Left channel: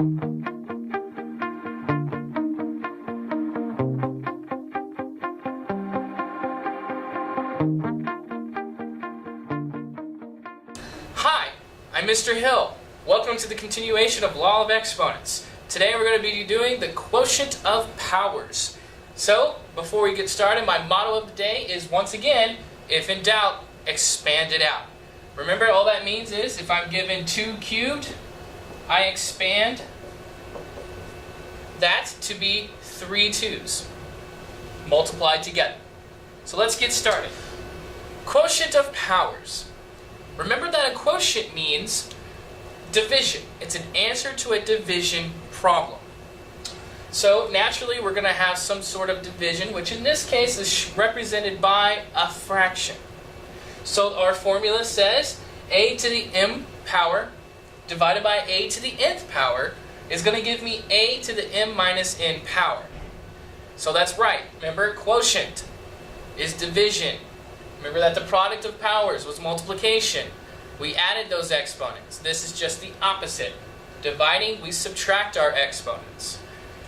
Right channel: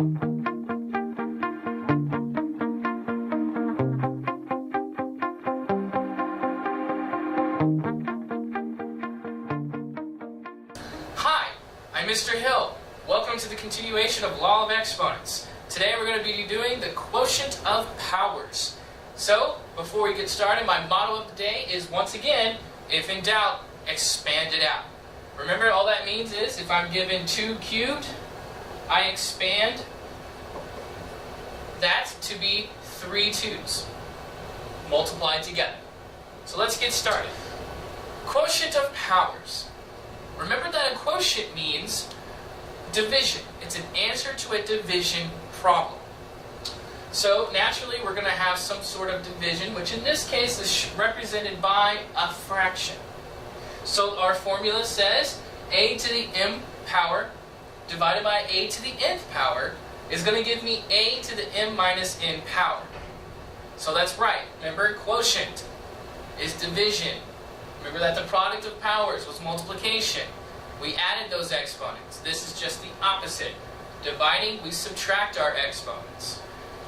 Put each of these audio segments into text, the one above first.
Hi, I'm Mr. Hill. Welcome to the continuation of Law of Exponents. Today we're going to be doing the Quotient of Powers. So, before we get started, my motto of the day is, once again, if in doubt, expand it out. Remember, all that means is, if I'm given 2 cubed, I expand that to be 3 2's multiplied together. So let's get started. Quotient of Powers. Remember that a quotient means division. It's an answer to a division problem. So naturally we're going to have some sort of division, which in this case is represented by a fraction. So our formula says a to the m power divided by a to the nth power is going to give me a to the m minus n power. So that's right. Remember, quotient is division. Remember that the product of powers was multiplication. We added those exponents. This is just the opposite. Dividing, we subtract our exponents.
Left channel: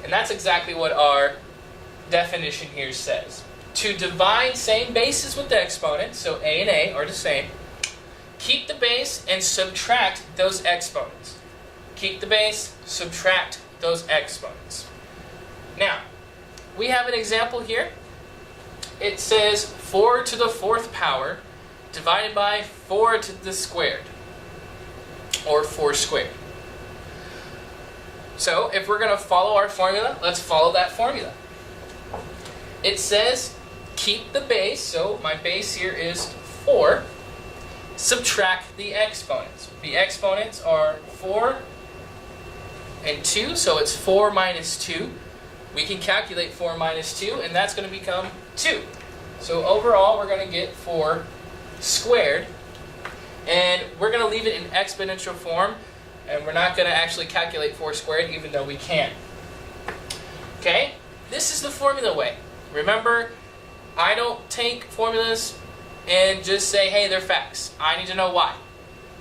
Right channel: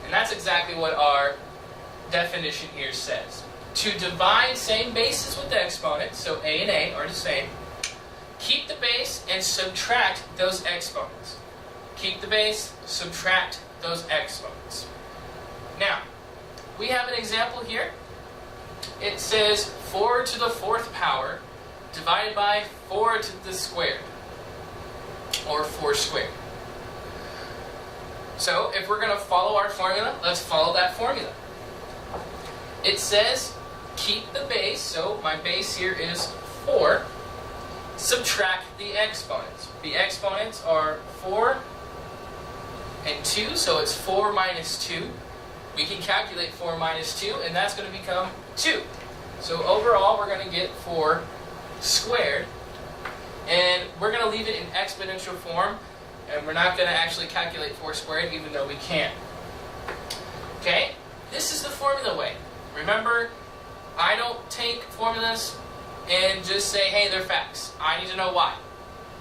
And that's exactly what our definition here says. To divide, same bases with the exponents, so a and a are the same. Keep the base and subtract those exponents. Keep the base, subtract those exponents. Now, we have an example here. It says 4 to the 4th power divided by 4 to the squared, or 4 squared. So if we're going to follow our formula, let's follow that formula. It says keep the base, so my base here is 4, subtract the exponents. The exponents are 4 and 2, so it's 4 minus 2. We can calculate 4 minus 2, and that's going to become 2. So overall, we're going to get 4 squared, and we're going to leave it in exponential form, and we're not going to actually calculate 4 squared, even though we can. Okay? This is the formula way. Remember, I don't take formulas and just say, hey, they're facts. I need to know why.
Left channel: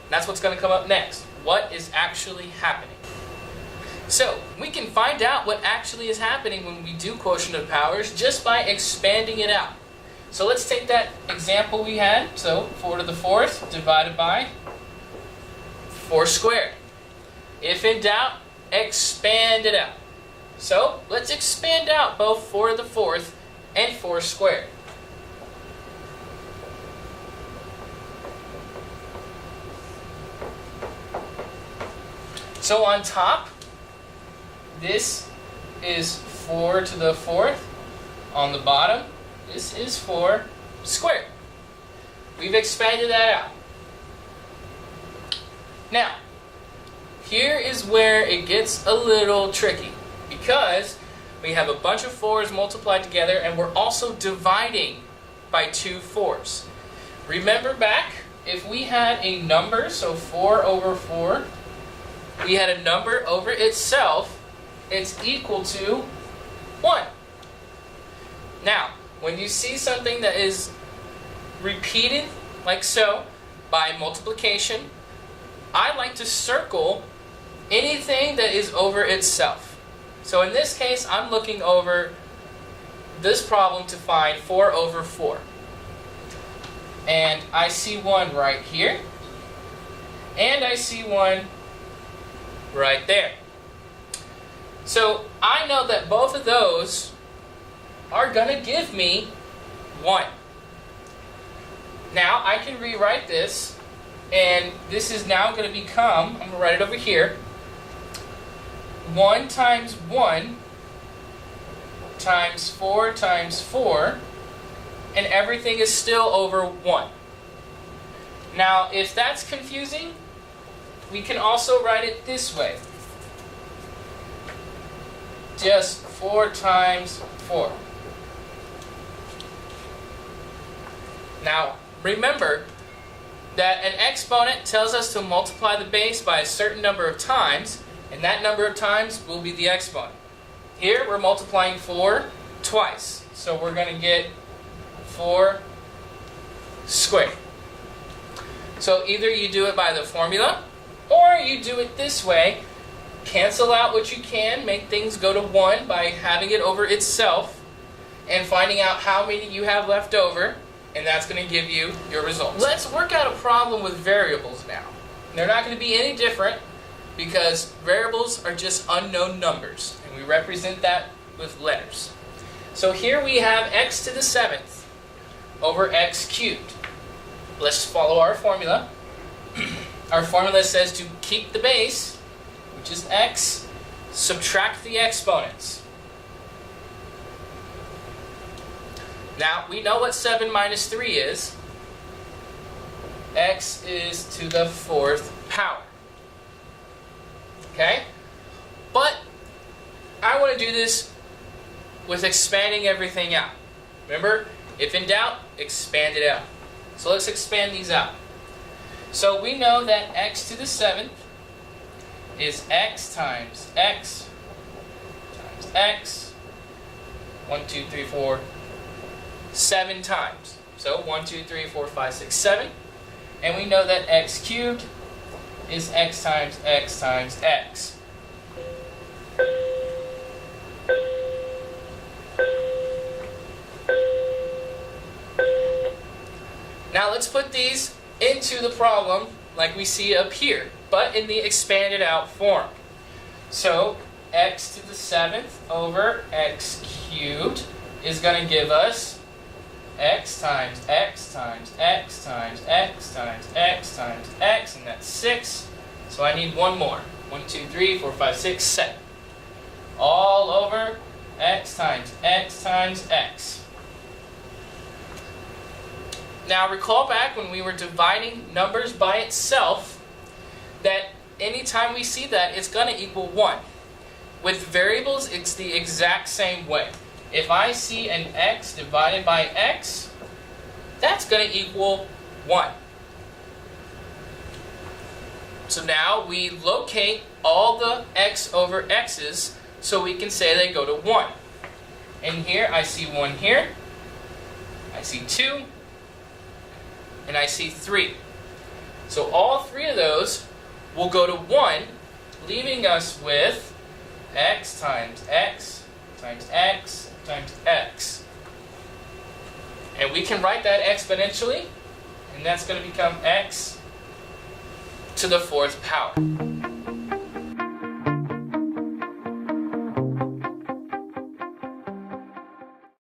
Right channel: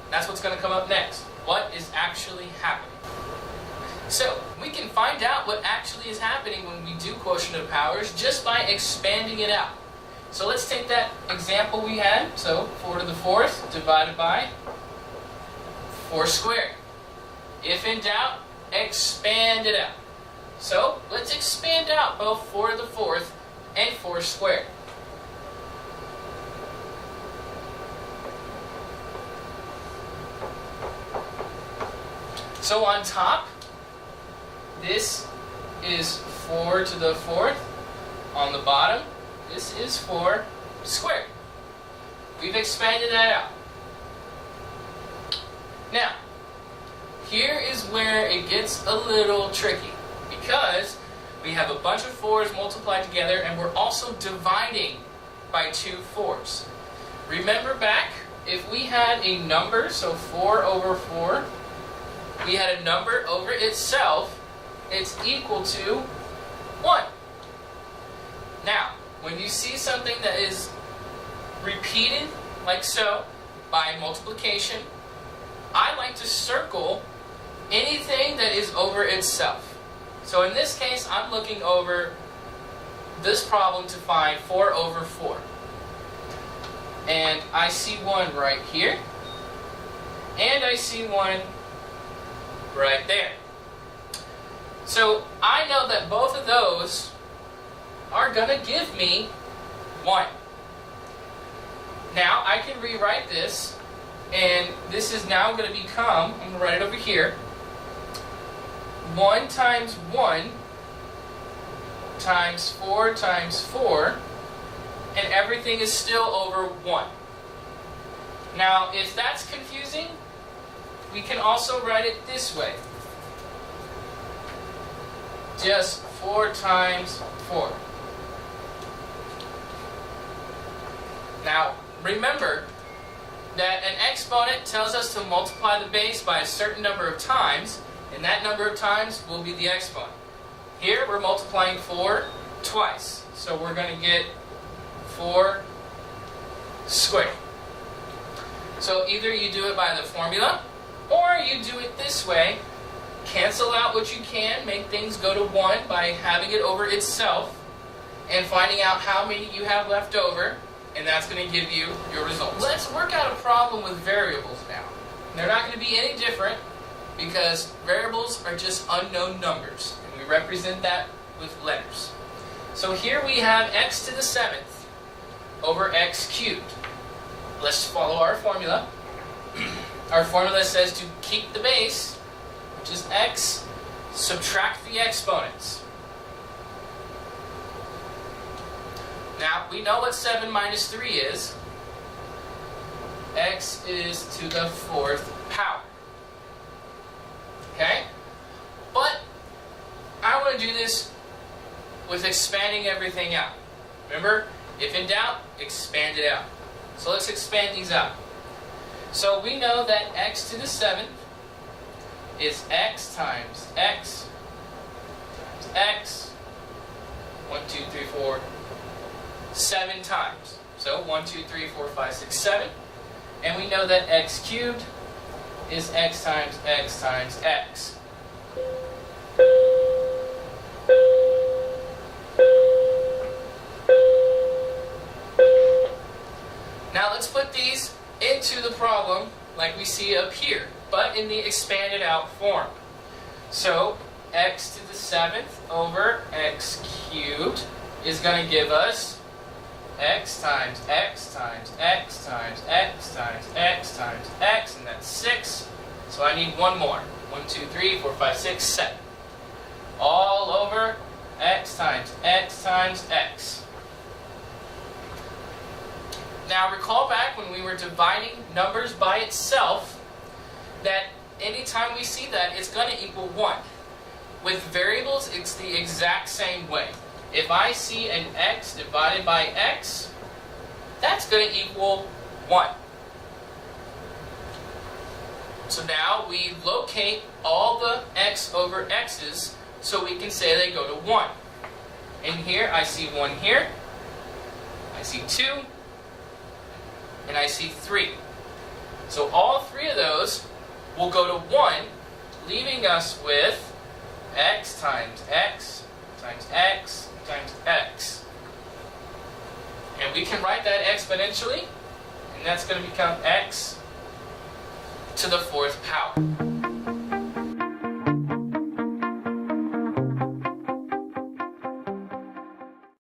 That's what's going to come up next. What is actually happening? So, we can find out what actually is happening when we do quotient of powers just by expanding it out. So let's take that example we had. So 4 to the 4th divided by 4 squared. If in doubt, expand it out. So let's expand out both 4 to the 4th and 4 squared. So on top, this is 4 to the 4th. On the bottom, this is 4 squared. We've expanded that out. Now, here is where it gets a little tricky, because we have a bunch of 4's multiplied together, and we're also dividing by 2 4's. Remember back, if we had a number, so 4 over 4, we had a number over itself, it's equal to 1. Now, when you see something that is repeated like so by multiplication, I like to circle anything that is over itself. So in this case, I'm looking over this problem to find 4 over 4. And I see 1 right here, and I see 1 right there. So I know that both of those are going to give me 1. Now I can rewrite this, and this is now going to become, I'm going to write it over here, 1 times 1 times 4 times 4, and everything is still over 1. Now if that's confusing, we can also write it this way. Just 4 times 4. Now, remember that an exponent tells us to multiply the base by a certain number of times, and that number of times will be the exponent. Here, we're multiplying 4 twice, so we're going to get 4 squared. So either you do it by the formula, or you do it this way, cancel out what you can, make things go to 1 by having it over itself and finding out how many you have left over, and that's going to give you your results. Let's work out a problem with variables now. They're not going to be any different because variables are just unknown numbers, and we represent that with letters. So here we have x to the 7th over x cubed. Let's follow our formula. Our formula says to keep the base, which is x, subtract the exponents. Now, we know what 7 minus 3 is. X is to the 4th power. Okay? But I want to do this with expanding everything out. Remember, if in doubt, expand it out. So let's expand these out. So we know that x to the 7th is x times x times x. 1, 2, 3, 4, 7 times. So 1, 2, 3, 4, 5, 6, 7. And we know that x cubed is x times x times x. Now let's put these into the problem like we see up here, but in the expanded out form. So x to the 7th over x cubed is going to give us x times x times x times x times x times x, and that's 6. So I need one more. 1, 2, 3, 4, 5, 6, 7. All over x times x times x. Now recall back when we were dividing numbers by itself, that anytime we see that, it's going to equal 1. With variables, it's the exact same way. If I see an x divided by x, that's going to equal 1. So now we locate all the x over x's so we can say they go to 1. And here I see 1 here, I see 2, and I see 3. So all 3 of those will go to 1, leaving us with x times x times x times x. And we can write that exponentially, and that's going to become x to the 4th power.